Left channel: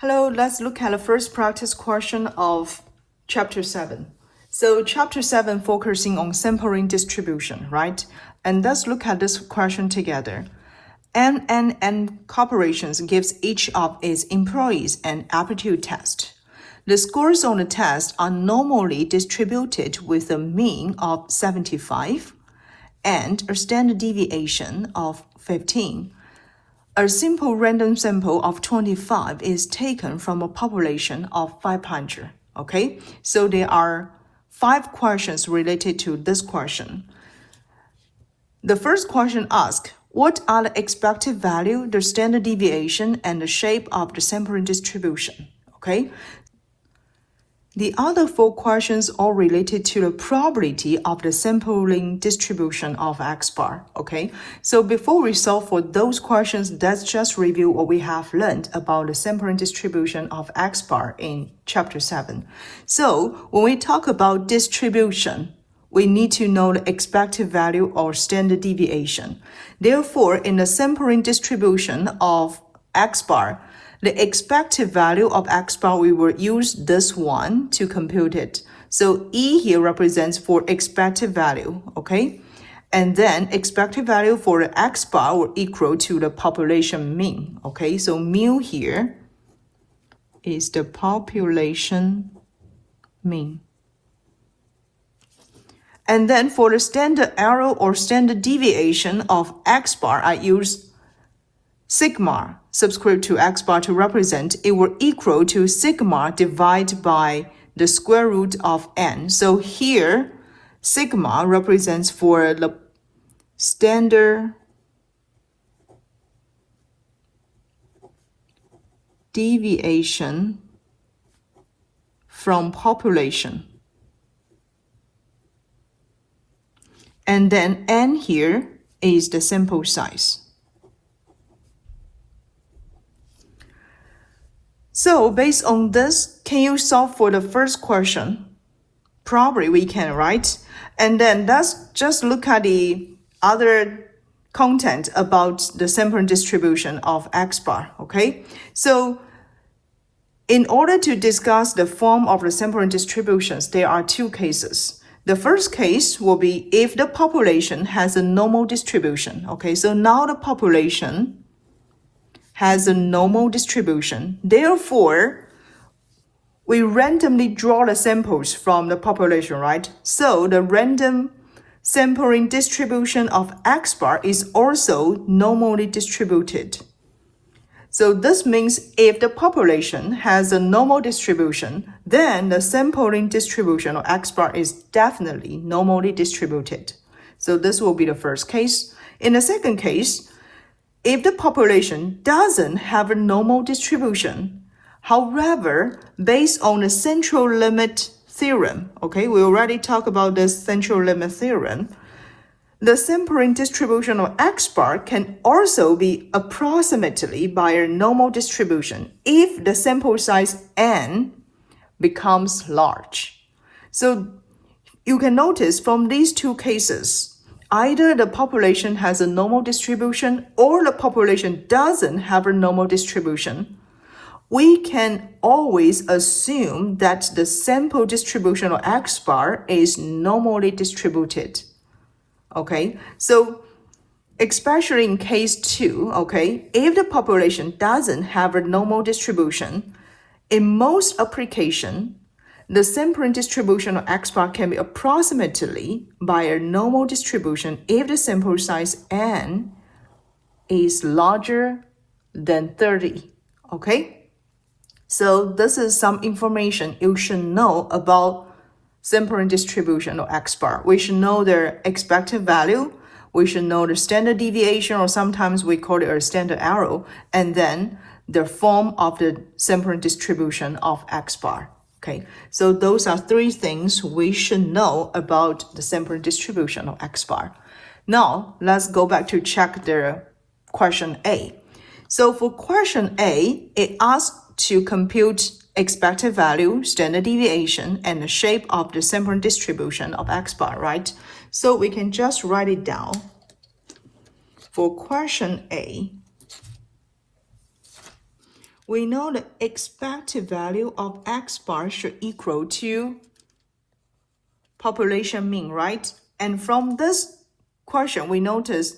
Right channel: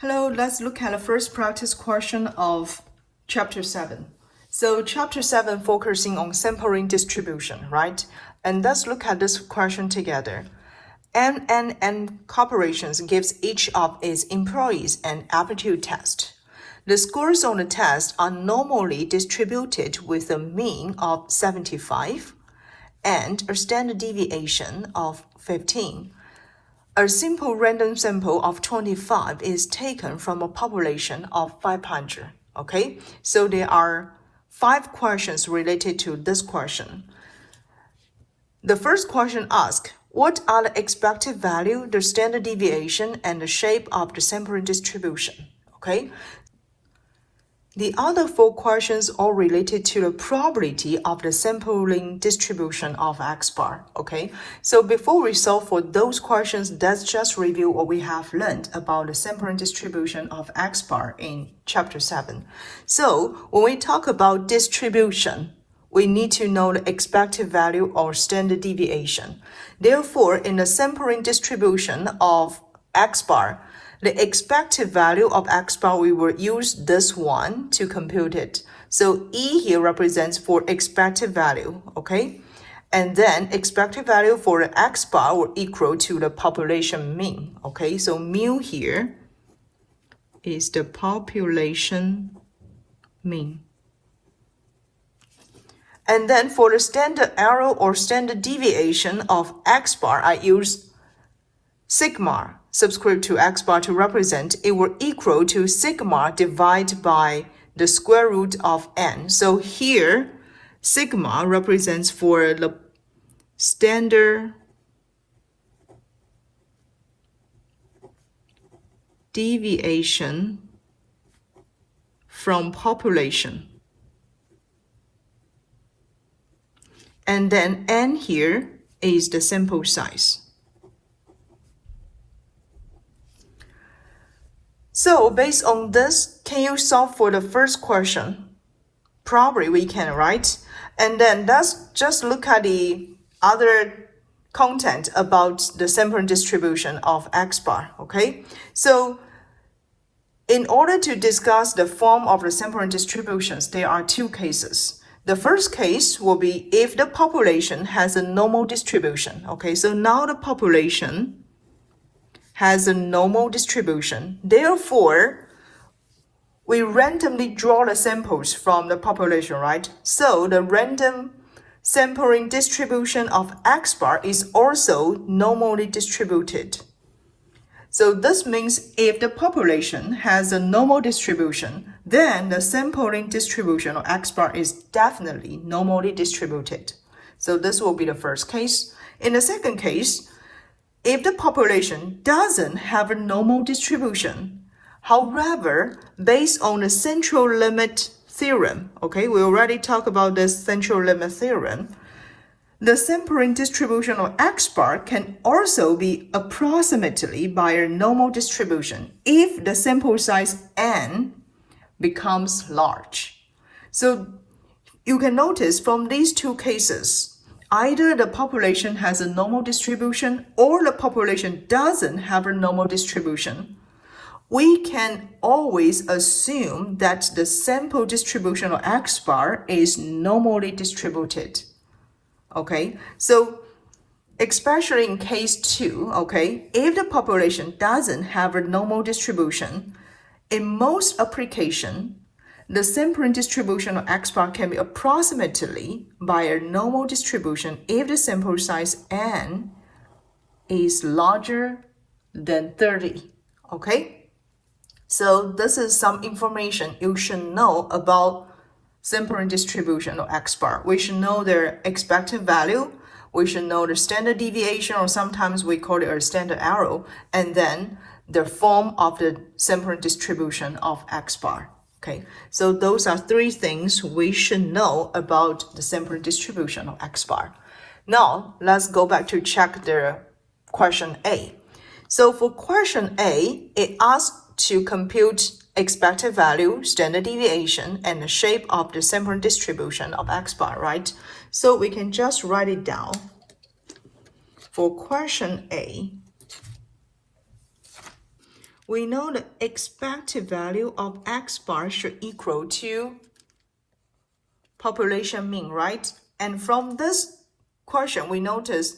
Hello, let's look at the first practice question of Chapter 7. So Chapter 7 focusing on sampling distribution, right? And let's look at this question together. N Corporations gives each of its employees an aptitude test. The scores on the test are normally distributed with a mean of 75 and a standard deviation of 15. A simple random sample of 25 is taken from a population of 500, okay? So there are 5 questions related to this question. The first question asks, what are the expected value, the standard deviation, and the shape of the sampling distribution, okay? The other 4 questions are related to the probability of the sampling distribution of X bar, okay? So before we solve for those questions, let's just review what we have learned about the sampling distribution of X bar in Chapter 7. So when we talk about distribution, we need to know the expected value or standard deviation. Therefore, in the sampling distribution of X bar, the expected value of X bar, we will use this one to compute it. So E here represents for expected value, okay? And then expected value for the X bar will equal to the population mean, okay? So mu here is the population mean. And then for the standard error or standard deviation of X bar, I use sigma subscript to X bar to represent, it will equal to sigma divided by the square root of n. So here, sigma represents for the standard deviation from population. And then n here is the sample size. So based on this, can you solve for the first question? Probably we can, right? And then let's just look at the other content about the sampling distribution of X bar, okay? So in order to discuss the form of the sampling distributions, there are 2 cases. The first case will be if the population has a normal distribution, okay? So now the population has a normal distribution. Therefore, we randomly draw the samples from the population, right? So the random sampling distribution of X bar is also normally distributed. So this means if the population has a normal distribution, then the sampling distribution of X bar is definitely normally distributed. So this will be the first case. In the second case, if the population doesn't have a normal distribution, however, based on the central limit theorem, okay, we already talked about this central limit theorem, the sampling distribution of X bar can also be approximately by a normal distribution if the sample size n becomes large. So you can notice from these 2 cases, either the population has a normal distribution or the population doesn't have a normal distribution. We can always assume that the sample distribution of X bar is normally distributed. Okay, so especially in case 2, okay, if the population doesn't have a normal distribution, in most applications, the sampling distribution of X bar can be approximately by a normal distribution if the sample size n is larger than 30, okay? So this is some information you should know about sampling distribution of X bar. We should know their expected value, we should know the standard deviation, or sometimes we call it a standard error, and then the form of the sampling distribution of X bar. Okay, so those are 3 things we should know about the sampling distribution of X bar. Now, let's go back to check the question A. So for question A, it asks to compute expected value, standard deviation, and the shape of the sampling distribution of X bar, right? So we can just write it down. For question A, we know the expected value of X bar should equal to population mean, right? And from this question, we notice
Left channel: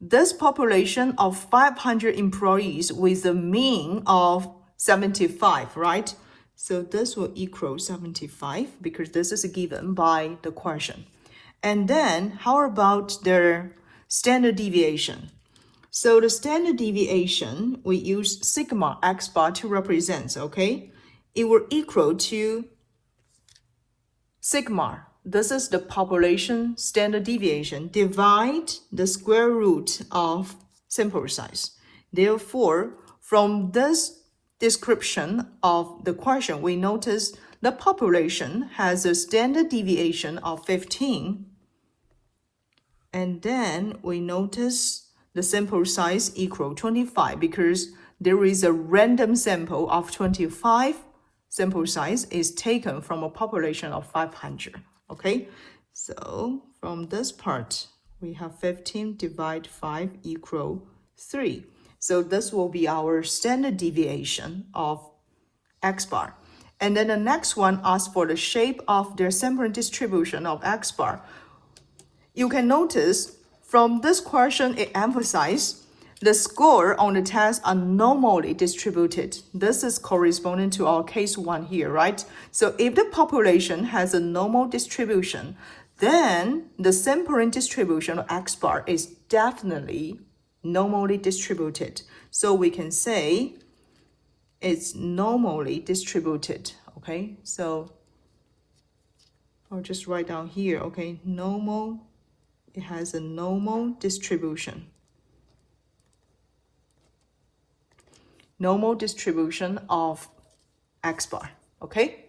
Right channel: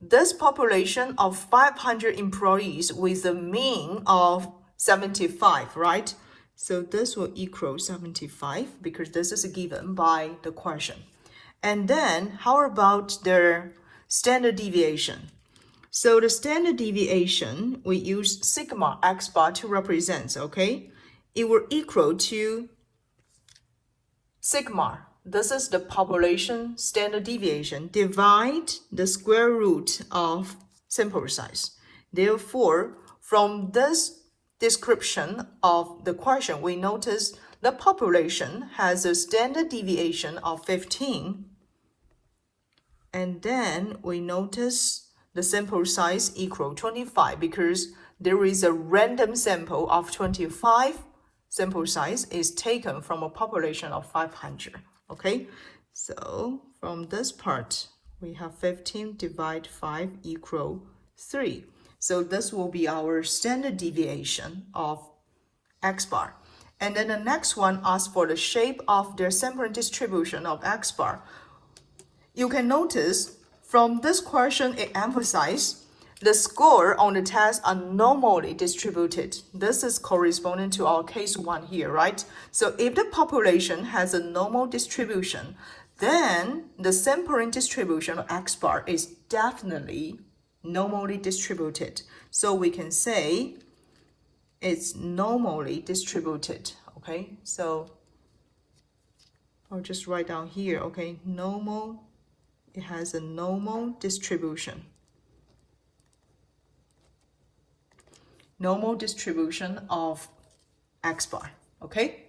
this population of 500 employees with a mean of 75, right? So this will equal 75 because this is given by the question. And then how about their standard deviation? So the standard deviation, we use sigma X bar to represent, okay? It will equal to sigma. This is the population standard deviation. Divide the square root of sample size. Therefore, from this description of the question, we notice the population has a standard deviation of 15. And then we notice the sample size equal 25 because there is a random sample of 25. Sample size is taken from a population of 500. Okay, so from this part, we have 15 divide 5 equal 3. So this will be our standard deviation of X bar. And then the next one asks for the shape of their sampling distribution of X bar. You can notice from this question, it emphasizes the score on the test are normally distributed. This is corresponding to our case 1 here, right? So if the population has a normal distribution, then the sampling distribution of X bar is definitely normally distributed. So we can say it's normally distributed, okay? So I'll just write down here, okay? Normal, it has a normal distribution. Normal distribution of X bar, okay?